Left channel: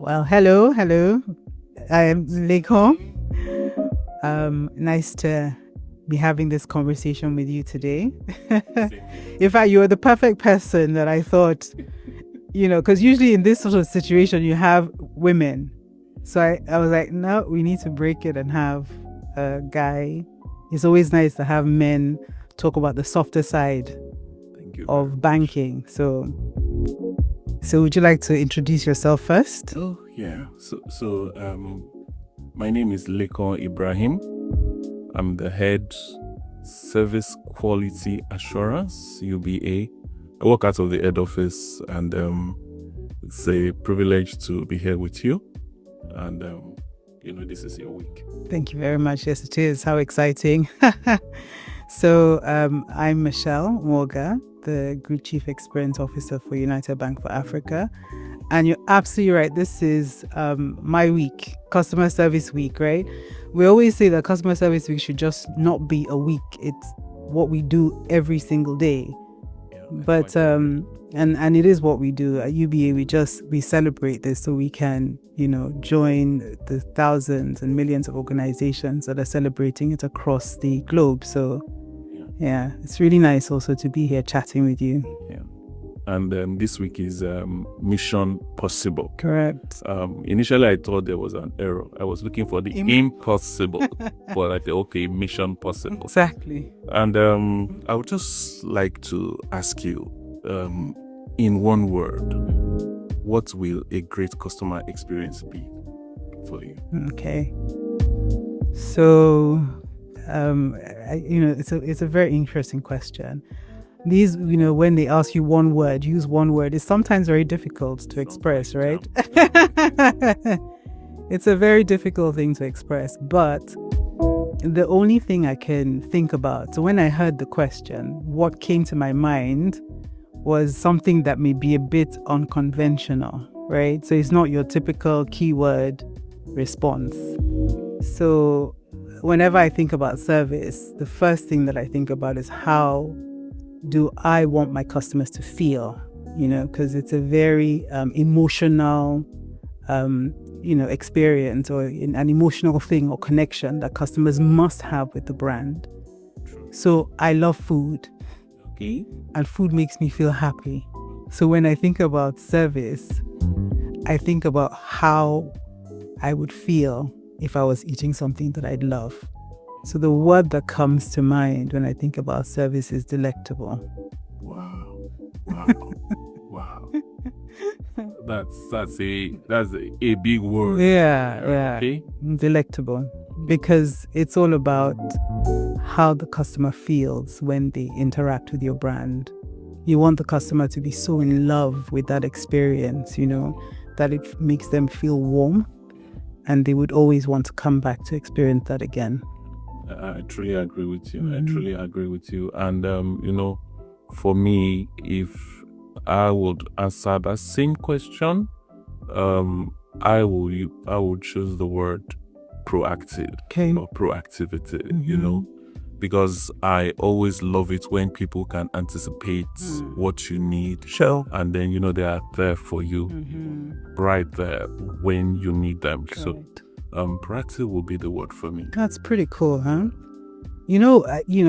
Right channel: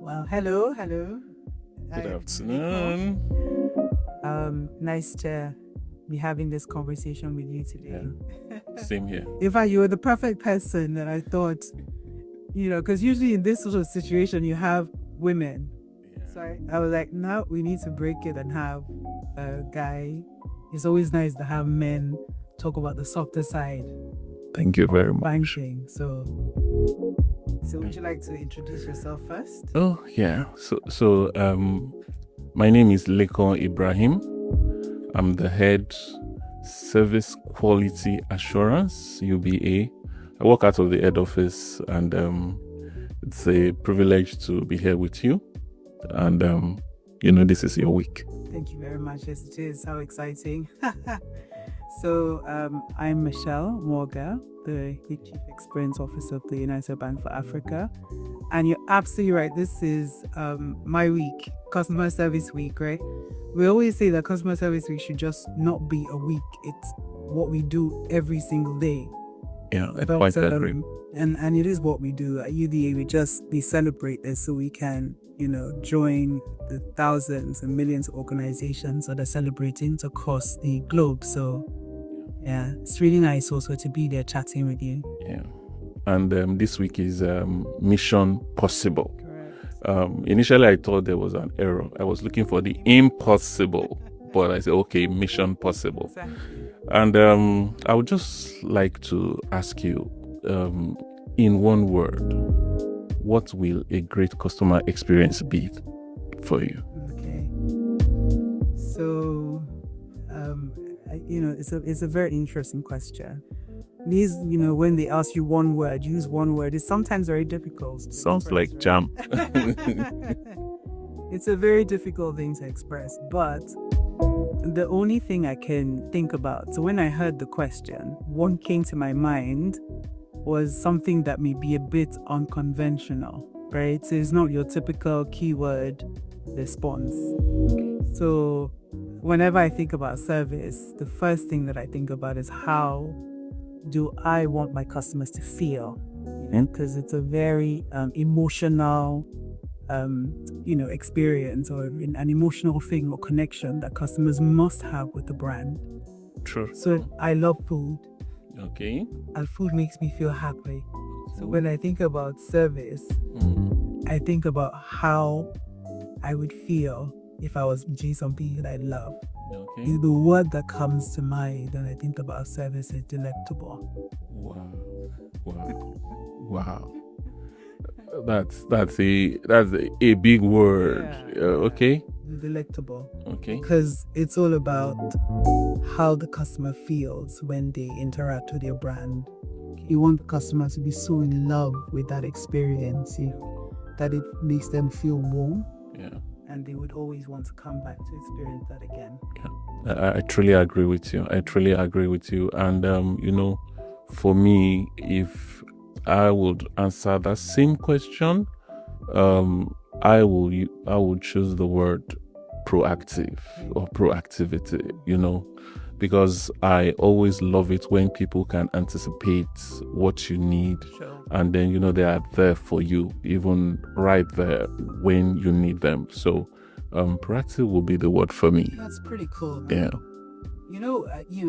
Well, hello. Good I'm Lekan. afternoon. Nice to be having this conversation with you today. Same here. In fact, you are the perfect person that I thought, because usually in this sort of situation, you have women. So I was like, no, we need to break it and have a guy. It's always nice to have men talk about the softer side Thank you very of much. banking. So would you like to introduce yourself first? Oh yeah. My name is Lekan Ibrahim. I'm the head Service Quality Assurance UBA. I work out of the head office, and it's a privilege to be here with you. And this is your week. Thank you very much. Yes, it is. How exciting. So I'm Michelle Nwoga, the Group Chief Experience Officer for United Bank for Africa. And you're absolutely right. This is my week, Customer Service Week, right? We always say that Customer Service Week should just not be a week. It's what we do every single day. Yeah, I quite agree. And it is what we do at UBA. We celebrate this so we can, join the thousands and millions of organizations that are celebrating it across the globe. So yeah, it's really nice also to be here chatting with you. Yeah. And this week is Mission Possible. Correct. Initially, I thought there was an error. I was looking for the impossible, but I said, okay, Mission Possible. Exactly. And I would just like to ask you, in one word, what will a great customer experience be for you? Okay. So, it's a very interesting question. These, when they ask you one word, use one word, it's sometimes very difficult to Sounds express, like right? jam. It's a very difficult thing to express, but the only thing I can think about, so when I heard the question, what came to my mind was something that may be a bit unconventional, right? So it's not your typical keyword response. So whenever I think about service, the first thing that I think about is how do I want my customers to feel, because it's a very emotional, experience or an emotional thing or connection that customers must have with the brand. True. So I love food. Okay. And food makes me feel happy. So when I think about service, I think about how I would feel if I was eating something that I'd love. Okay. So the word that comes to mind when I think about service is delectable. Wow. That's a big word. Yeah. Okay. Delectable. Okay. Because it's all about how the customer feels when they interact with your brand. You want the customer to be so in love with that experience, that it makes them feel warm. Yeah. And they would always want to come back to experience that again. Yeah. I truly agree with you. I truly agree with you. And for me, if I would answer that same question, I would choose the word proactive or proactivity, because I always love it when people can anticipate what you need. Sure. And then, they are there for you, even right there when you need them. Correct. So proactive will be the word for me. That's pretty cool, huh? Yeah.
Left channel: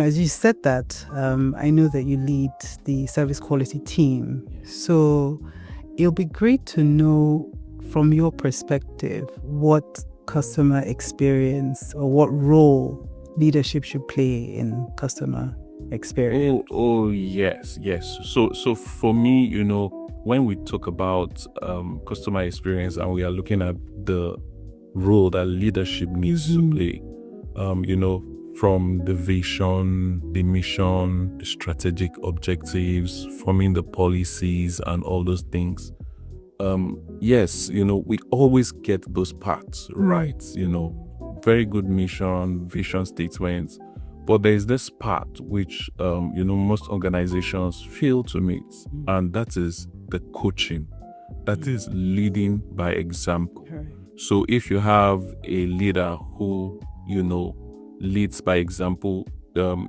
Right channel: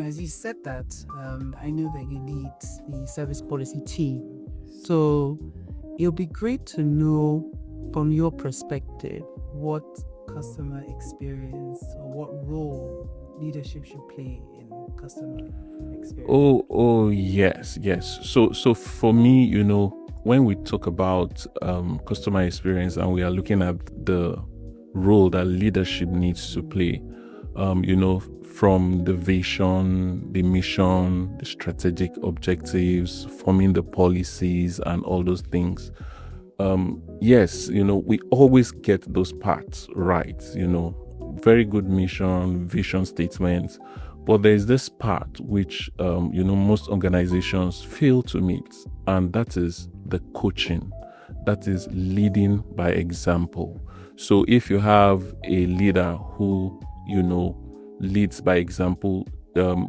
As you said that, I know that you lead the service quality team. So it'll be great to know from your perspective what customer experience or what role leadership should play in customer experience. Oh yes. So for me, when we talk about customer experience and we are looking at the role that leadership needs to play, from the vision, the mission, the strategic objectives, forming the policies and all those things. Yes, we always get those parts right, very good mission, vision statements. But there's this part which, most organizations fail to meet, and that is the coaching. That is leading by example. So if you have a leader who, leads by example,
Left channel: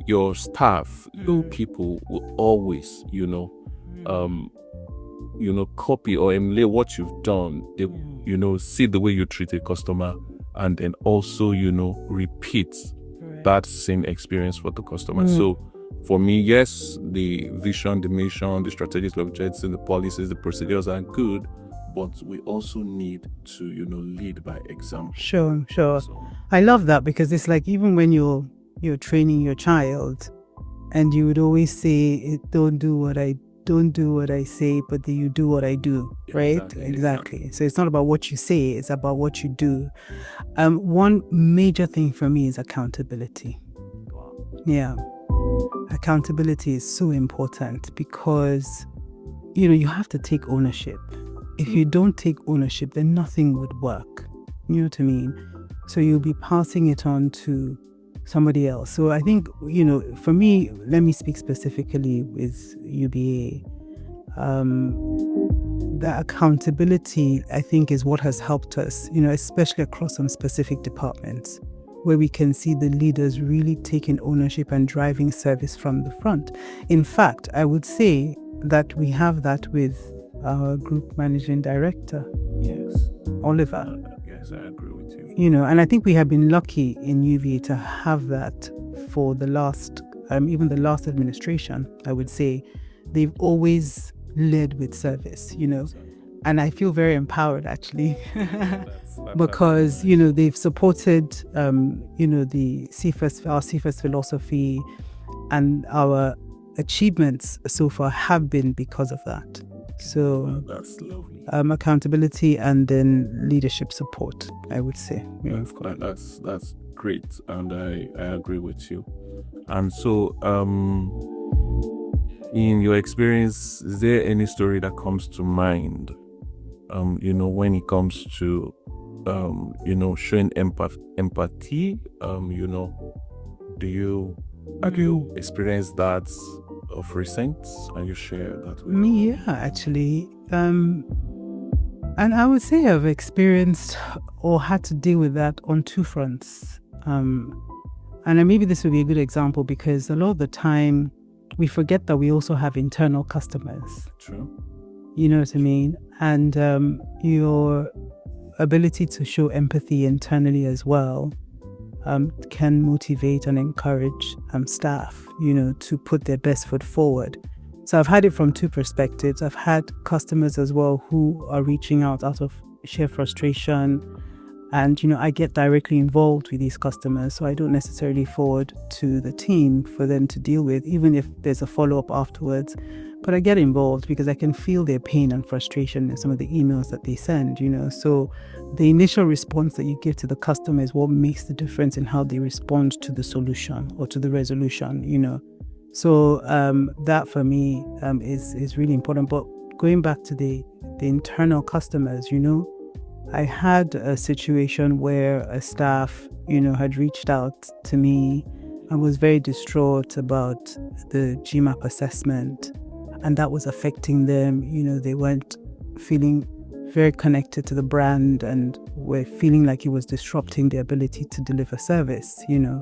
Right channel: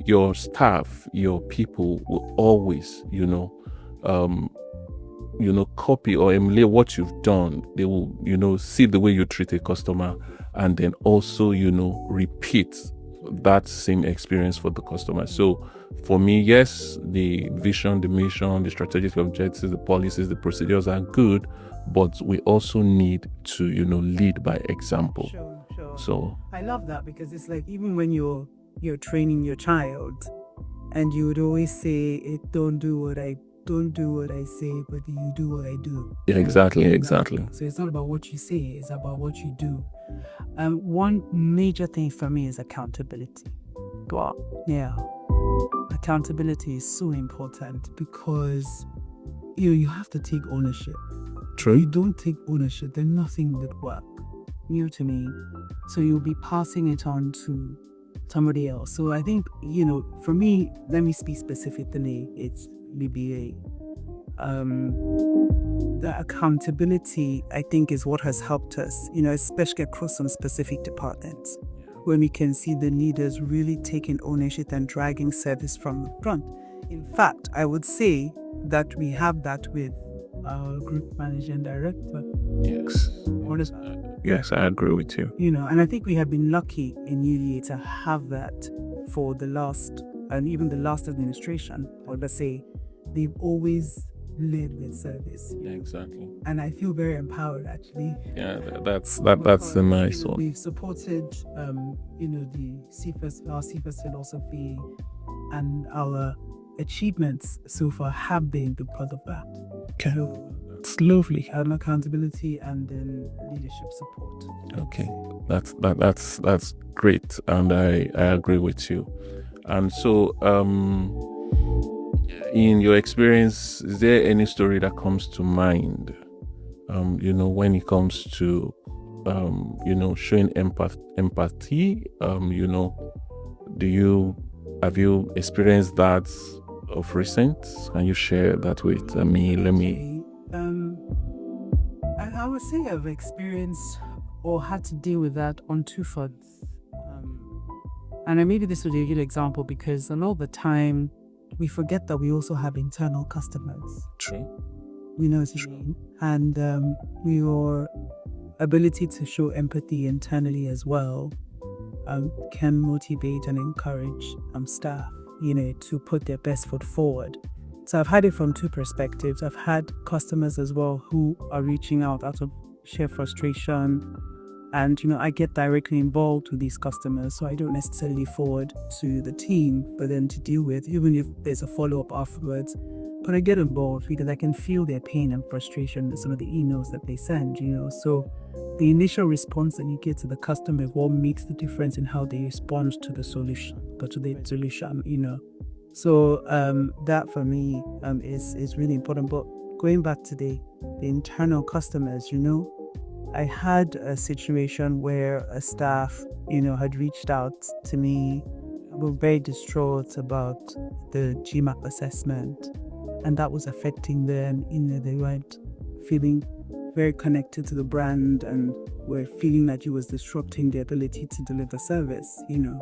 your staff, your people will always, copy or emulate what you've done. They will, see the way you treat a customer, and then also, repeat that same experience for the customer. So for me, yes, the vision, the mission, the strategic objectives, the policies, the procedures are good, but we also need to, lead by example. Sure. So I love that, because it's like, even when you're training your child, and you would always say, don't do what I say, but then you do what I do. yeah, right? exactly. So it's not about what you say, it's about what you do. One major thing for me is accountability. Wow. Yeah. Accountability is so important, because you have to take ownership. True. If you don't take ownership, then nothing would work. You know what I mean? So you'll be passing it on to somebody else. So I think, for me, let me speak specifically with UBA. The accountability, I think, is what has helped us, especially across some specific departments, where we can see the leaders really taking ownership and driving service from the front. In fact, I would say that we have that with our group managing director. Yes. Oliver. Yes, I agree with you. And I think we have been lucky in UVA to have that for the last, even the last administration. I would say they've always led with service, Exactly. and I feel very empowered, actually. Yeah, because that's a nice one. they've supported the our CFS philosophy, and our achievements so far have been because of that. Okay. So that's lovely. Accountability and then leadership support, I would say. That's great, and I agree with you. And so, in your experience, is there any story that comes to mind? When it comes to showing empathy. Have you experienced that of recent? Can you share that with me? Actually, and I would say I've experienced or had to deal with that on two fronts. And maybe this would be a good example, because a lot of the time we forget that we also have internal customers. True. You know what I mean? And your ability to show empathy internally as well can motivate and encourage staff, to put their best foot forward. So I've had it from two perspectives. I've had customers as well who are reaching out of sheer frustration, and I get directly involved with these customers, so I don't necessarily forward to the team for them to deal with, even if there's a follow-up afterwards. But I get involved because I can feel their pain and frustration in some of the emails that they send, So the initial response that you give to the customer is what makes the difference in how they respond to the solution or to the resolution, So that for me is really important. But going back to the internal customers, I had a situation where a staff, had reached out to me and was very distraught about the GMAP assessment, and that was affecting them. They weren't feeling very connected to the brand and were feeling like it was disrupting their ability to deliver service, Yeah.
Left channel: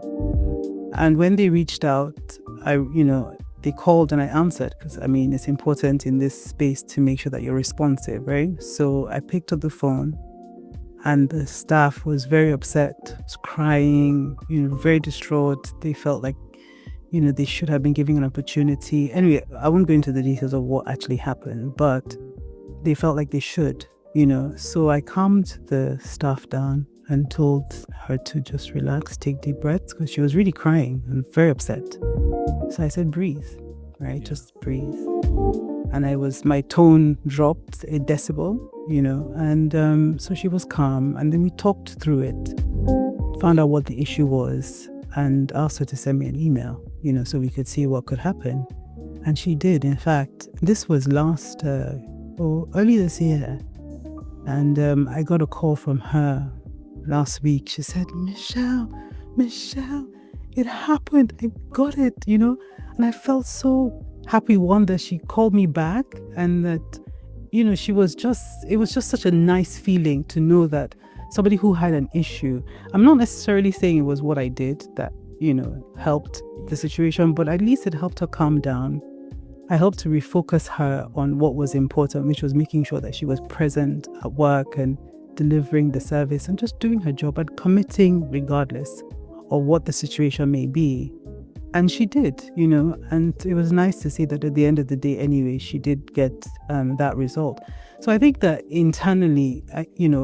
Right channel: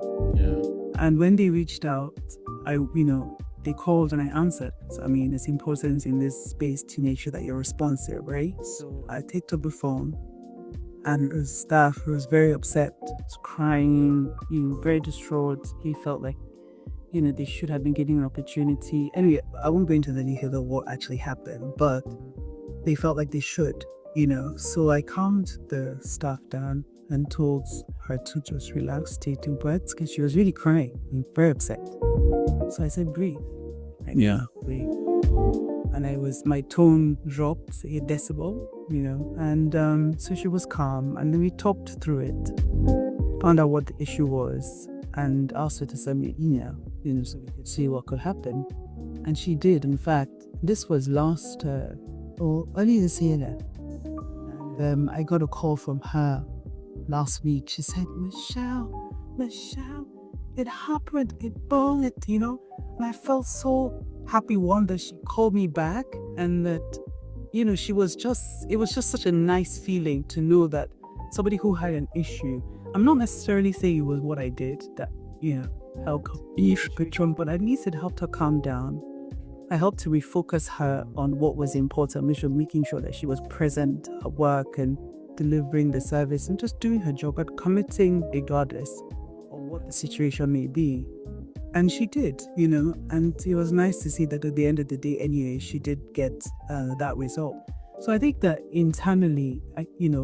And when they reached out, they called and I answered, because it's important in this space to make sure that you're responsive, right? So I picked up the phone, and the staff was very upset, was crying, very distraught. They felt like, they should have been given an opportunity. Anyway, I won't go into the details of what actually happened, but they felt like they should, So I calmed the staff down and told her to just relax, take deep breaths, because she was really crying and very upset. So I said, breathe, right? Yeah. Just breathe. And my tone dropped a decibel, and so she was calm. And then we talked through it, found out what the issue was, and asked her to send me an email, so we could see what could happen. And she did. In fact, this was early this year. And I got a call from her last week. She said, Michelle, it happened. I got it, And I felt so happy, one, that she called me back, and that, it was just such a nice feeling to know that somebody who had an issue, I'm not necessarily saying it was what I did that, helped the situation, but at least it helped her calm down I helped to refocus her on what was important, which was making sure that she was present at work and delivering the service and just doing her job and committing regardless of what the situation may be. And she did, and it was nice to see that at the end of the day, anyway, she did get that result. So I think that internally,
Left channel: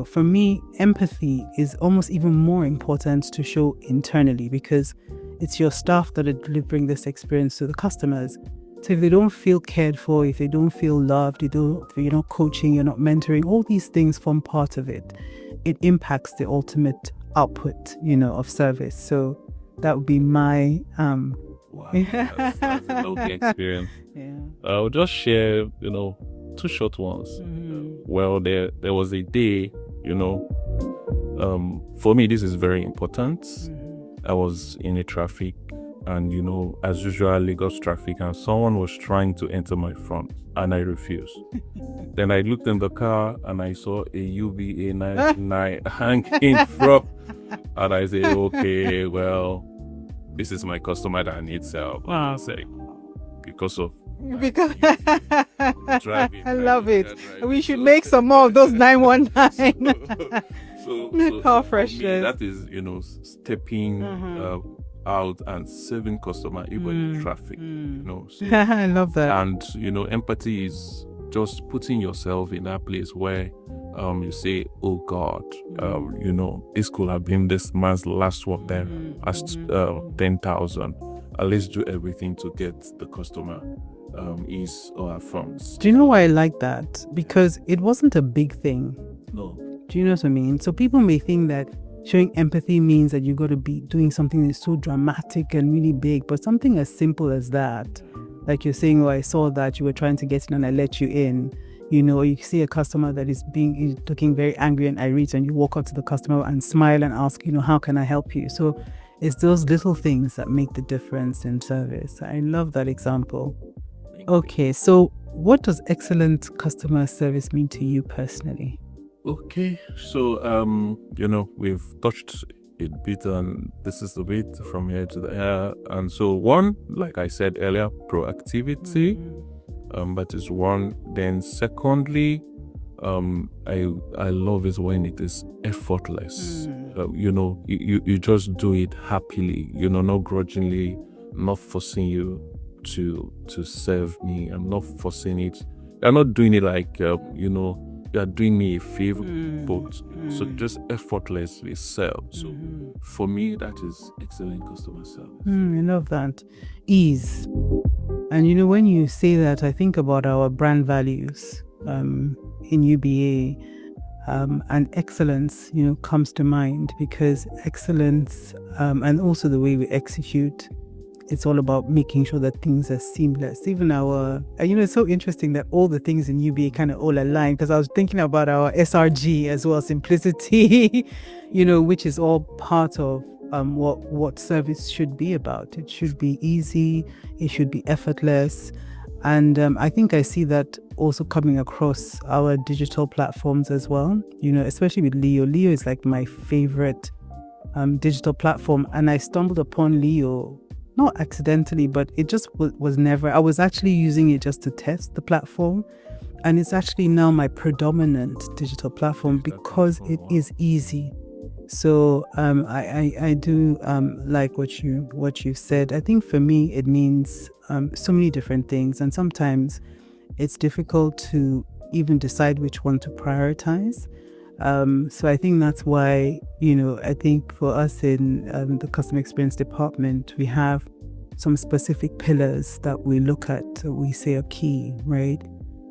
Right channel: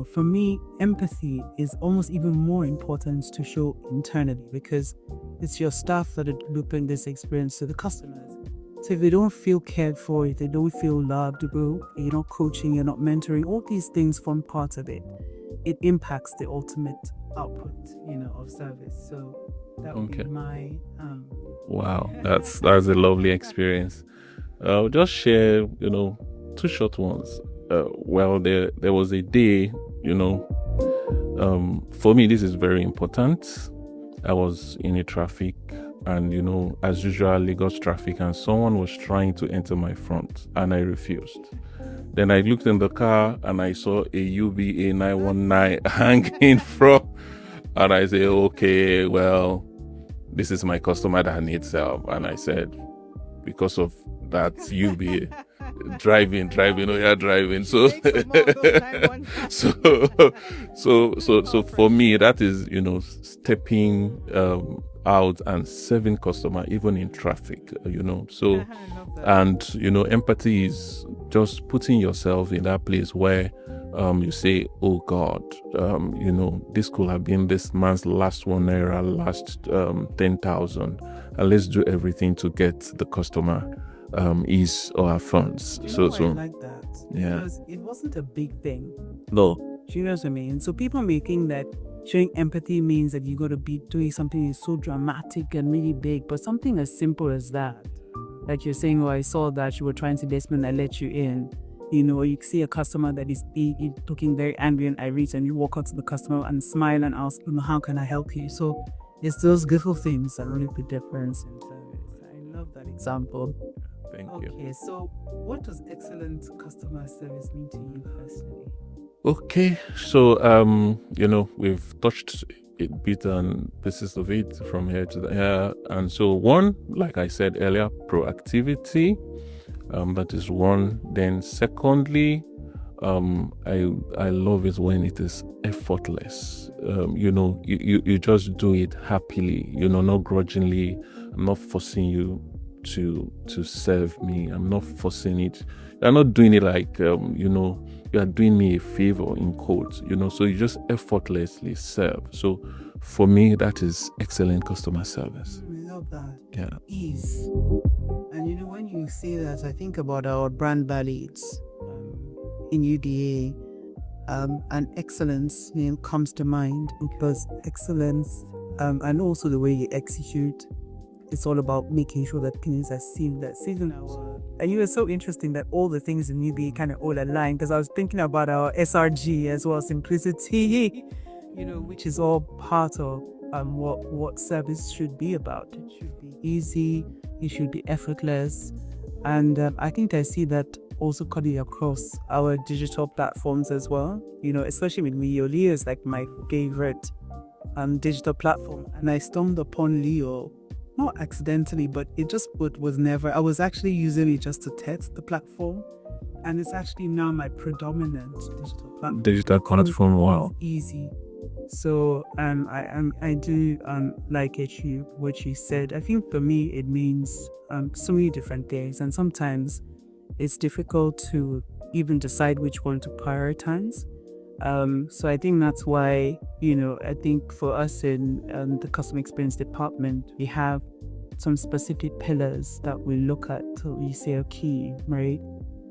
for me, empathy is almost even more important to show internally, because it's your staff that are delivering this experience to the customers. So if they don't feel cared for, if they don't feel loved, you're not coaching, you're not mentoring, all these things form part of it. It impacts the ultimate output, of service. So that would be my wow, that's a lovely experience. Yeah. I'll just share, two short ones. Well, there was a day, for me this is very important. I was in a traffic, and as usual, Lagos traffic, and someone was trying to enter my front and I refused. Then I looked in the car and I saw a UBA 919 hanging from, and I said, okay, well, this is my customer that needs help. And I said, because of that UBA driving, we should make some more of those 919. So for me, that is, stepping out and serving customer even in traffic, So I love that. And empathy is just putting yourself in that place where you say, oh God, this could have been this man's last ₦1, last 10,000, and let's do everything to get the customer his or her funds. Do you know why I like that? Because it wasn't a big thing. No. Do you know what I mean? So people may think that showing empathy means that you got to be doing something that's so dramatic and really big, but something as simple as that, like you're saying, I saw that you were trying to get in and I let you in, or you see a customer that is looking very angry and irate, and you walk up to the customer and smile and ask, how can I help you? So it's those little things that make the difference in service. I love that example. Okay, so what does excellent customer service mean to you personally? Okay, so we've touched a bit on pieces of it from here to there, and so one, like I said earlier, proactivity, that is one. Then secondly, I love it when it is effortless. You just do it happily, not grudgingly. I'm not forcing you to serve me. I'm not forcing it. I'm not doing it like you are doing me a favor in quotes, so you just effortlessly serve. So for me, that is excellent customer service. I love that. Yeah. Ease. And when you say that, I think about our brand values in UBA, and excellence, comes to mind, because excellence and also the way we execute, it's all about making sure that things are seamless. Even it's so interesting that all the things in UBA kind of all align, because I was thinking about our SRG as well, simplicity, which is all part of what service should be about. It should be easy, it should be effortless. And I think I see that also coming across our digital platforms as well, especially with Leo. Leo is like my favorite digital platform. And I stumbled upon Leo, not accidentally, but it just was never, I was actually using it just to test the platform. And it's actually now my predominant digital platform because it is easy. So I do like what you said. I think for me it means so many different things, and sometimes it's difficult to even decide which one to prioritize. So I think that's why I think for us in the customer experience department, we have some specific pillars that we look at, we say are key, right?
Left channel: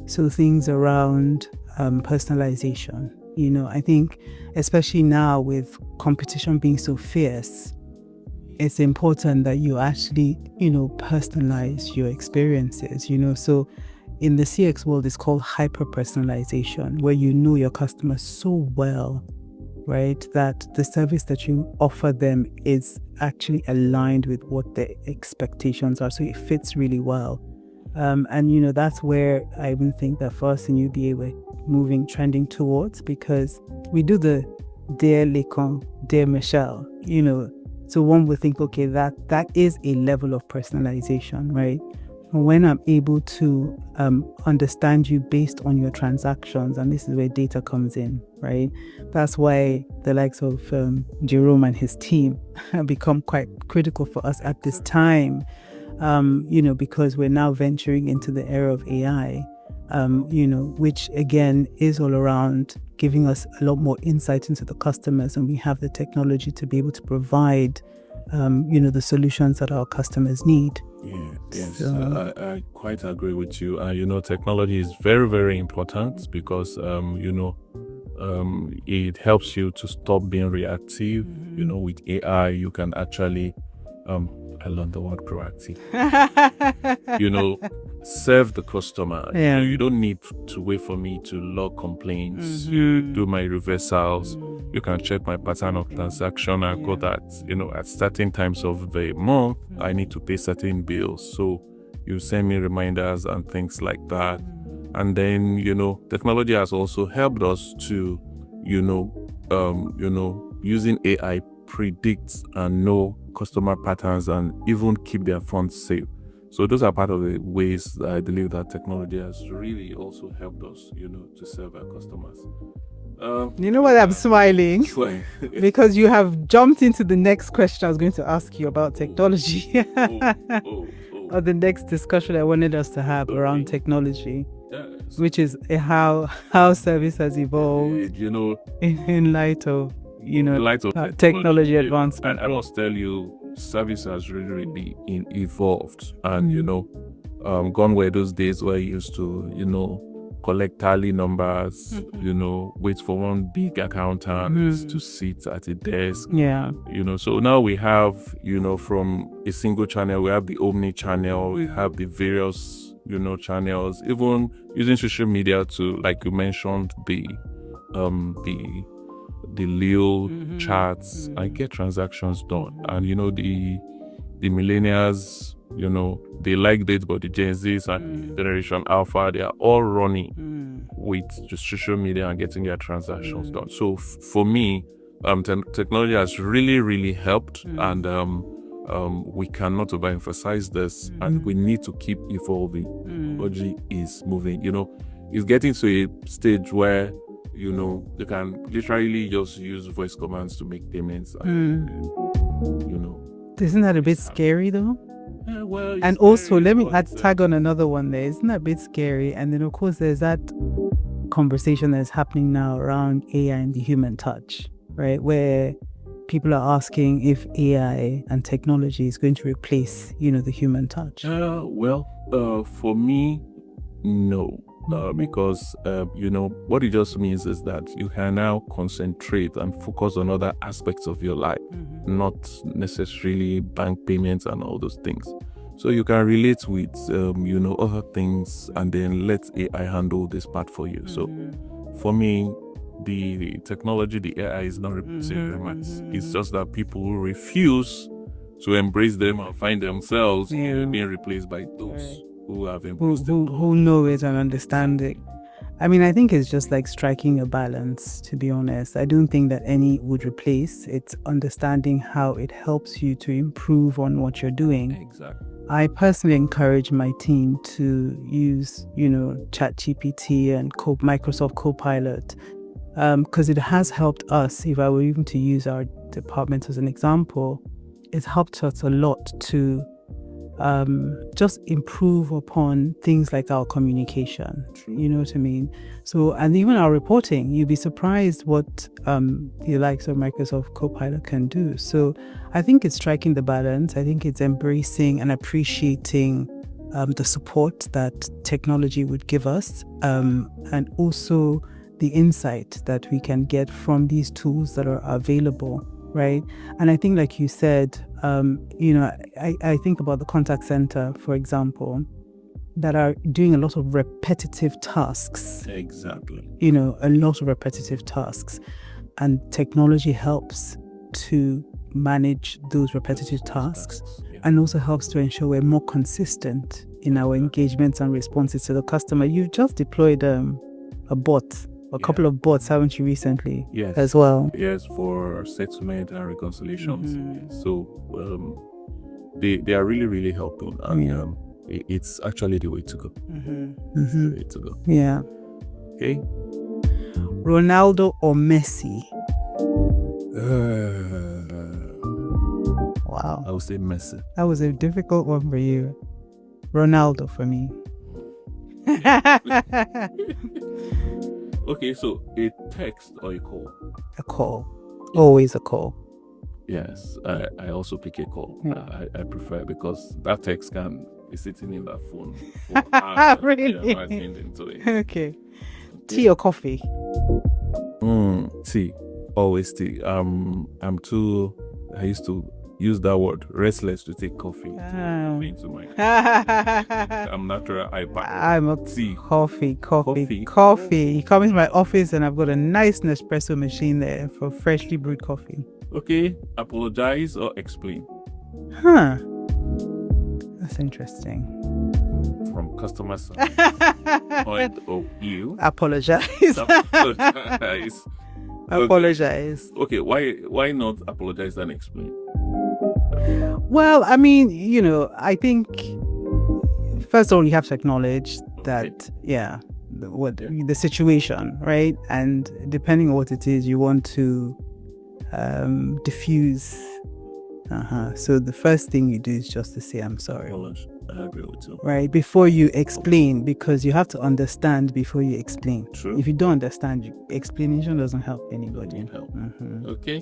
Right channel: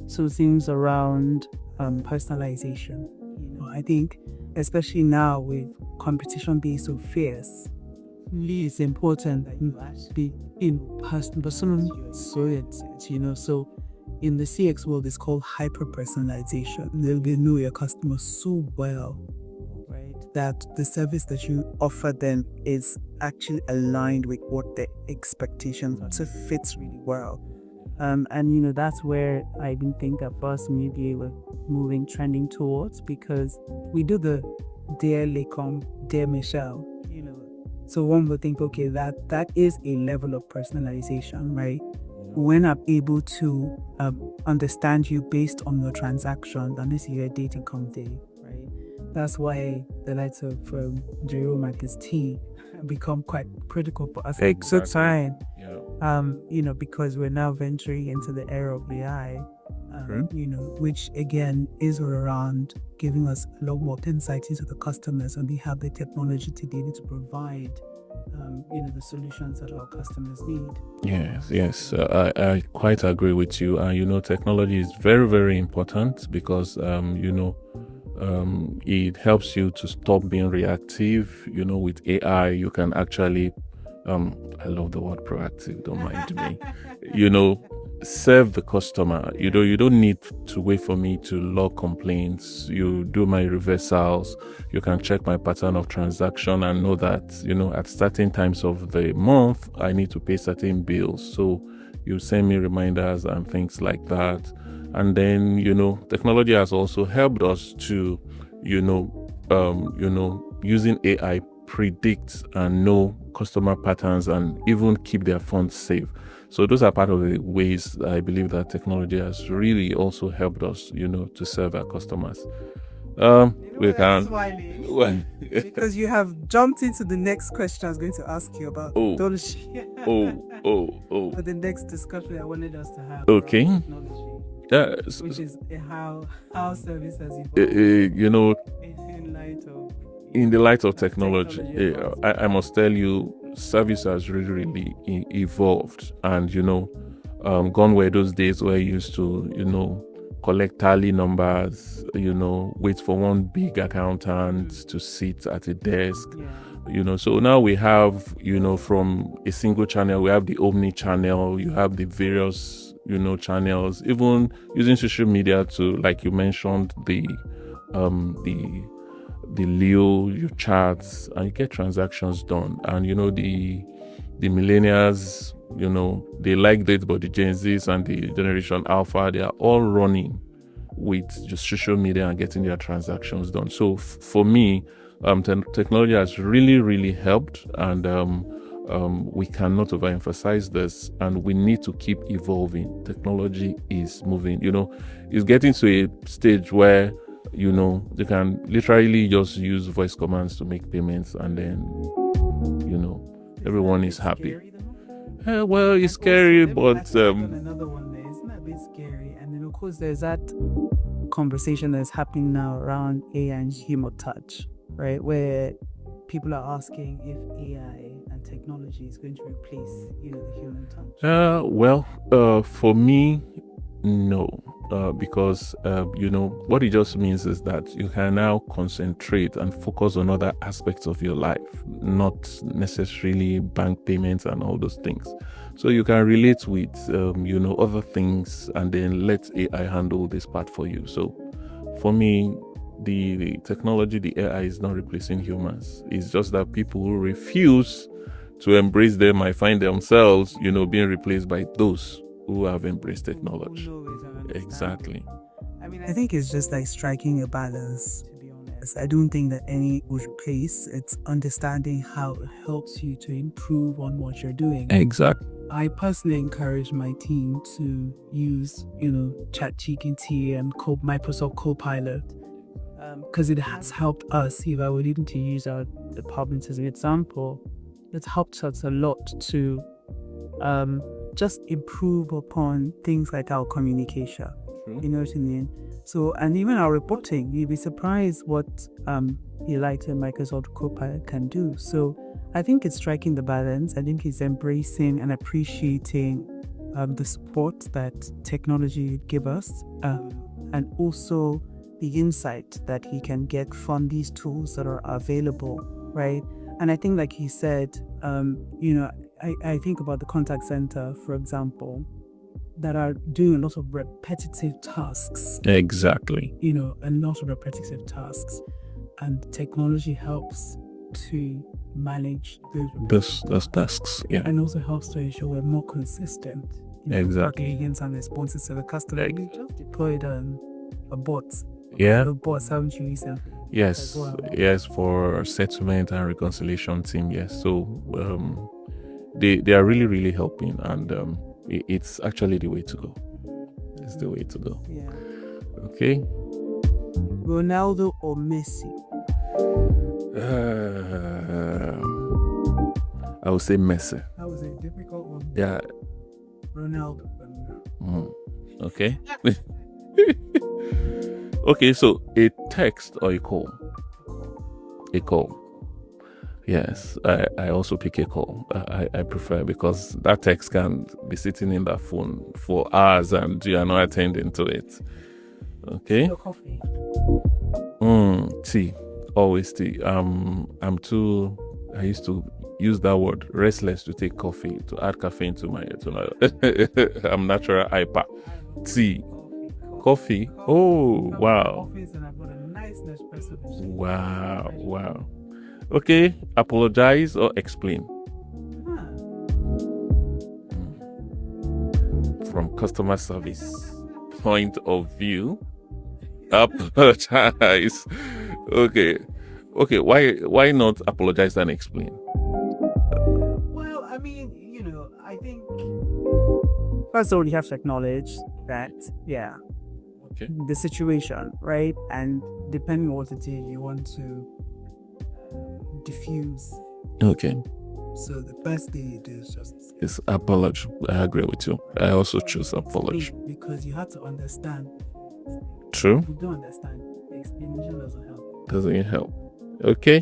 So things around personalization. I think especially now with competition being so fierce, it's important that you actually, personalize your experiences, So in the CX world, it's called hyper-personalization, where you know your customers so well, right, that the service that you offer them is actually aligned with what their expectations are. So it fits really well. And that's where I even think that for us in UBA we're trending towards, because we do the Dear Lekan, Dear Michelle, so one would think, okay, that is a level of personalization, right? when I'm able to understand you based on your transactions, and this is where data comes in, right? That's why the likes of Jerome and his team have become quite critical for us at this time, because we're now venturing into the era of AI, which again is all around giving us a lot more insight into the customers, and we have the technology to be able to provide the solutions that our customers need. Yes. So, I quite agree with you. Technology is very, very important because, it helps you to stop being reactive. With AI, you can actually, I love the word proactive, don't mind me. Serve the customer. You don't need to wait for me to log complaints. You do my reversals. You can check my pattern of transaction and know that, at certain times of the month, I need to pay certain bills. So you send me reminders and things like that. And then, technology has also helped us to, using AI, predict and know customer patterns and even keep their funds safe. So those are part of the ways that I believe that technology has really also helped us, to serve our customers. I'm smiling because you have jumped into the next question I was going to ask you about technology. Or the next discussion I wanted us to have around technology, which is how service has evolved. In light of the light of technology advancement. I must tell you, service has really evolved, and gone were those days where you used to collect tally numbers, wait for one big accountant to sit at a desk. So now we have, from a single channel, we have the omni channel, we have the various, channels, even using social media to, like you mentioned, the Leo charts, and get transactions done. And the millennials, they like it, but the Gen Zs and the Generation Alpha, they are all running with just social media and getting their transactions done. So for me, technology has really, really helped, and we cannot overemphasize this, and we need to keep evolving. Technology is moving. It's getting to a stage where you can literally just use voice commands to make payments, and then isn't that a bit scary though? Well, it's and scary, also let me tag on another one there. Isn't that a bit scary? And then of course there's that conversation that's happening now around AI and the human touch, right? Where people are asking if AI and technology is going to replace the human touch. For me, no. Because what it just means is that you can now concentrate and focus on other aspects of your life, not necessarily bank payments and all those things. So you can relate with other things, and then let AI handle this part for you. So for me, the technology, the AI is not replacing humans. It's just that people who refuse to embrace them and find themselves being replaced by those who have embraced technology, who know it and understand it. I mean, I think it's just like striking a balance, to be honest. I don't think that any would replace. It's understanding how it helps you to improve on what you're doing. Exactly. I personally encourage my team to use, ChatGPT and Microsoft Copilot, because it has helped us. If I were even to use our department as an example, it's helped us a lot to just improve upon things like our communication. True. You know what I mean? So, and even our reporting, you'd be surprised what the likes of Microsoft Copilot can do. So I think it's striking the balance. I think it's embracing and appreciating the support that technology would give us, and also the insight that we can get from these tools that are available, right? And I think, like you said, I think about the contact center, for example, that are doing a lot of repetitive tasks. Exactly. A lot of repetitive tasks. And technology helps to manage those repetitive tasks. Yeah. And also helps to ensure we're more consistent in our engagements and responses to the customer. You've just deployed a bot. Couple of bots, haven't you, recently? Yes, as well. Yes, for settlement and reconciliation team. Yes, so they are really, really helping, and it's actually the way to go. It's the way to go. Yeah. Okay. Ronaldo or Messi? Wow. I would say Messi. That was a difficult one for Yeah. you. Ronaldo for me. Okay. Okay, so a text or a call? A call. A Always call. a call. Yes, I also pick a call. Yeah. I prefer, because that text can be sitting in that phone for hours and you are not attending to it. Okay. Okay. Tea or coffee? Tea. Always tea. I used to use that word, restless, to take coffee, to add caffeine to my I'm natural hyper. I'm a Tea. Coffee. Coffee. You come into my Wow. office and I've got a nice Nespresso machine there for Wow, freshly wow. brewed coffee. Okay, apologize or explain. Huh. That's interesting. From customer service point of view, Apologize. apologize. Okay. Apologize. Okay, why not apologize and explain? Well, I mean, I think first of all, you have to acknowledge that, the situation, right? And depending on what it is, you want to diffuse. Okay. So the first thing you do is just to say, I'm It's sorry. apology. I agree with you. Right, I also before you choose explain, because you have to understand before you explain. True. If you don't understand, explanation doesn't help anyone. Doesn't help. Okay.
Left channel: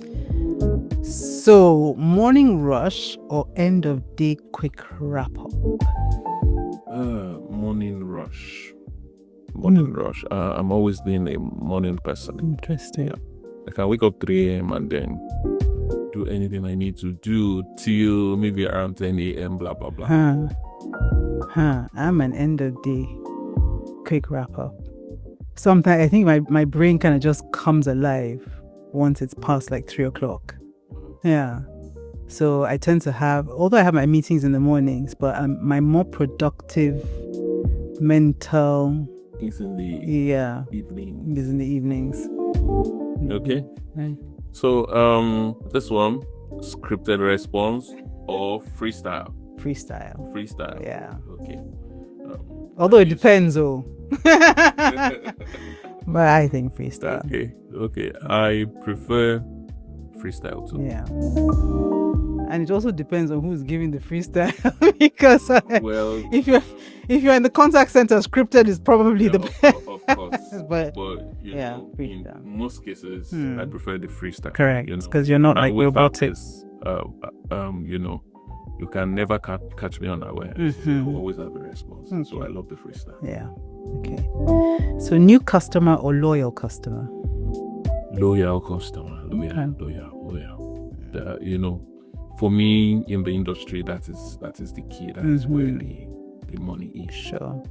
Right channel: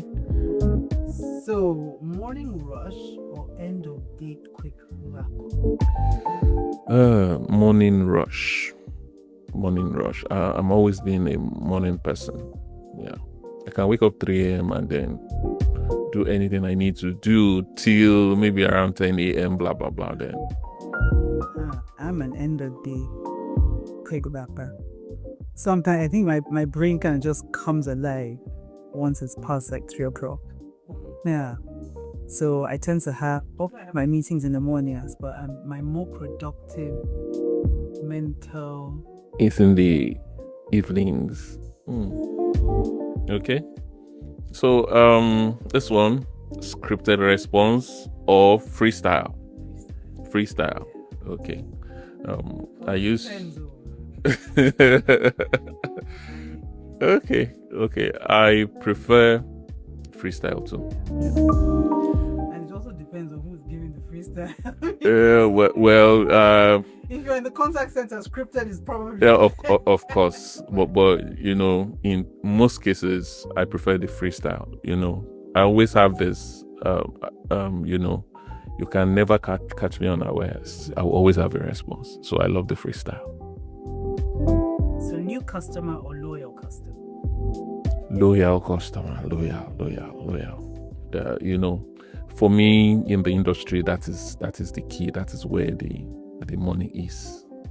So, morning rush or end of day quick wrap up? Morning rush. Rush. I'm always been a morning person. Interesting. Yeah. I can wake up 3 a.m. and then do anything I need to do till maybe around 10 a.m. blah blah blah. I'm an end of day quick wrap up. Sometimes I think my brain kind of just comes alive once it's past like 3 o'clock. Yeah. So I tend to although I have my meetings in the mornings, but my more productive mental It's in the evenings. evenings. In the evenings. Okay. Right. So this one, scripted response or freestyle? Freestyle. Yeah. Okay. Although it depends, but I think freestyle. Okay. I prefer freestyle too. Yeah. And it also depends on who's giving the freestyle. Because if you're in the contact center, scripted is probably of course. but in freestyle. most cases, I prefer the freestyle. Correct. Because you're not I like always have robotic. this. You can never catch me unawares. I will always have a response. So I love the freestyle. Yeah. Okay. So new customer or loyal customer? Loyal customer. Loyal. For me in the industry, that is the key. That is where the money is. Sure.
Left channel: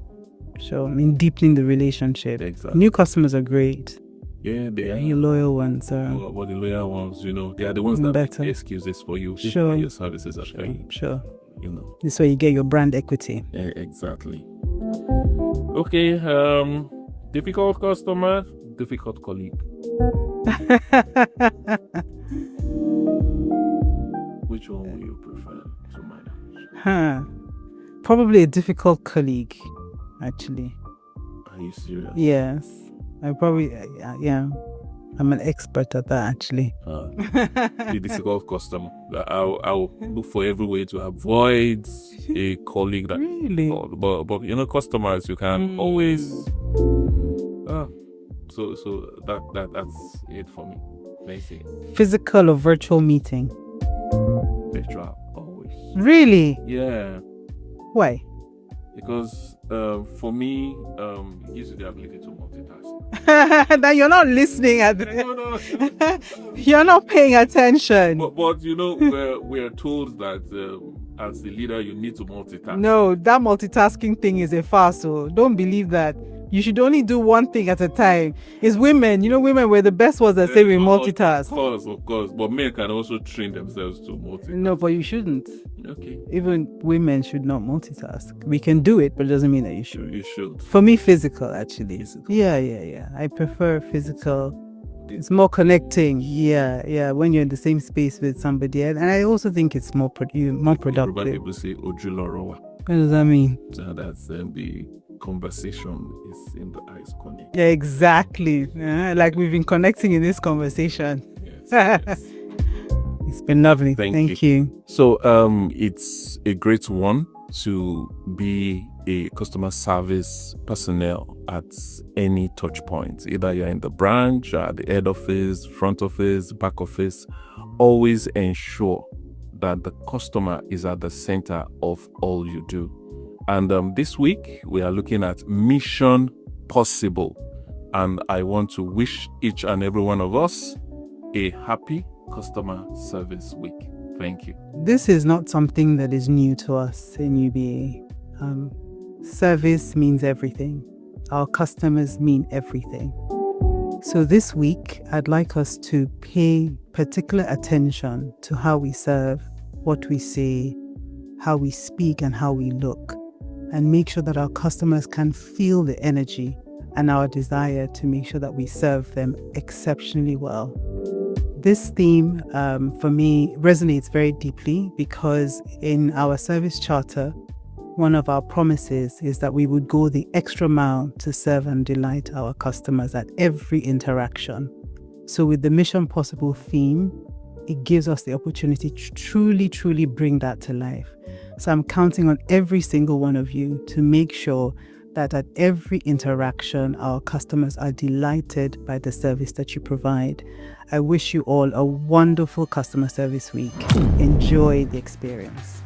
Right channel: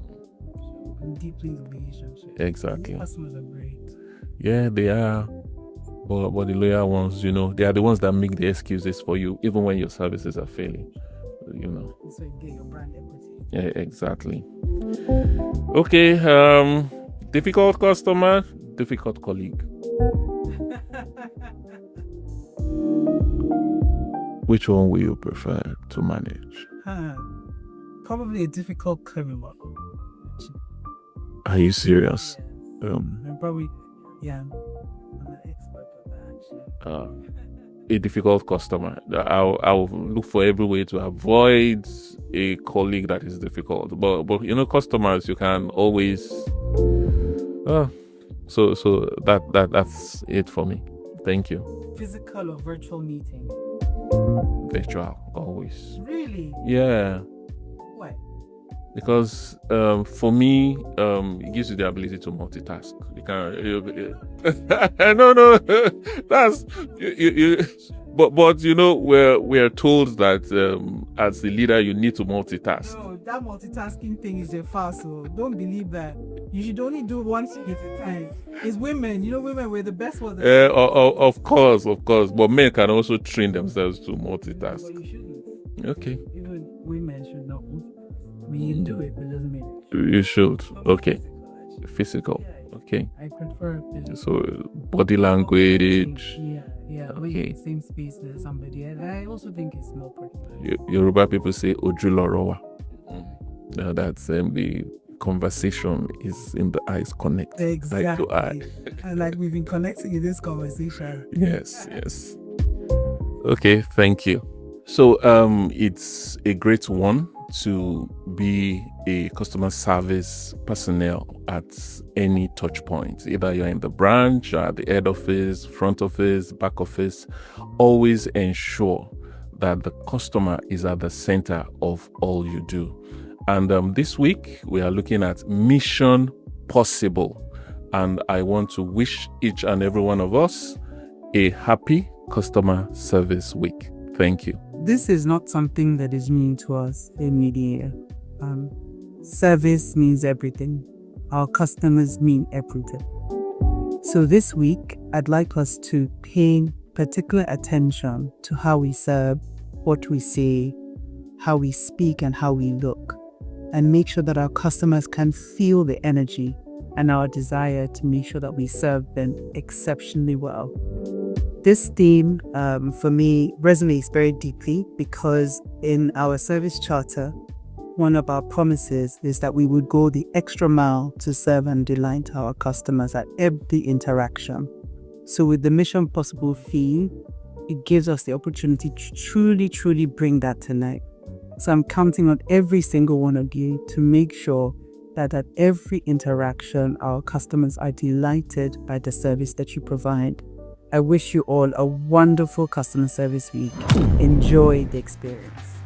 I mean, deepening the relationship. Exactly. New customers are great. Yeah, they are. The loyal ones are. But the loyal ones, they are the ones that make better. the excuses for you, even when your services are failing. Sure. This way you get your brand equity. Yeah, exactly. Okay. Difficult customer, difficult colleague. Which one will you prefer to manage? Probably a difficult colleague, actually. Are you serious? Yes. I probably, I'm an expert at that, actually. A difficult customer. I'll look for every way to avoid a colleague that is difficult. But customers, you can always. So that's it for me. Thank you. Physical or virtual meeting? Virtual, always. Really? Yeah. Why? Because for me, it gives you the ability to multitask. That you're not listening at no. You're not paying attention. But we're told that as the leader you need to multitask. No, that multitasking thing is a farce. So don't believe that. You should only do one thing at a time. It's women. Women were the best ones that say we multitask. Of course. But men can also train themselves to multitask. No, but you shouldn't. Okay. Even women should not multitask. We can do it, but it doesn't mean that you should. You should. For me, physical, actually. Physical. Yeah. Okay. I prefer physical. So, body it's language. more connecting. Yeah. When you're in the same space with somebody. And I also think it's more productive. Yoruba people say Ojulorowa. What does that mean? That's the conversation is in the eyes connect. Yeah, exactly. Like we've been connecting in this conversation. Yes, yes. It's been lovely. Thank you. So it's a great one to be a customer service personnel at any touch point. Either you're in the branch, or the head office, front office, back office. Always ensure that the customer is at the center of all you do. And this week we are looking at Mission Possible. And I want to wish each and every one of us a happy customer service week. Thank you. This is not something that is new to us in UBA. Service means everything. Our customers mean everything. So this week, I'd like us to pay particular attention to how we serve, what we say, how we speak, and how we look, and make sure that our customers can feel the energy and our desire to make sure that we serve them exceptionally well. This theme, for me, resonates very deeply because in our service charter, one of our promises is that we would go the extra mile to serve and delight our customers at every interaction. So with the Mission Possible theme, it gives us the opportunity to truly bring that to life. So I'm counting on every single one of you to make sure that at every interaction, our customers are delighted by the service that you provide. I wish you all a wonderful customer service week. Enjoy the experience.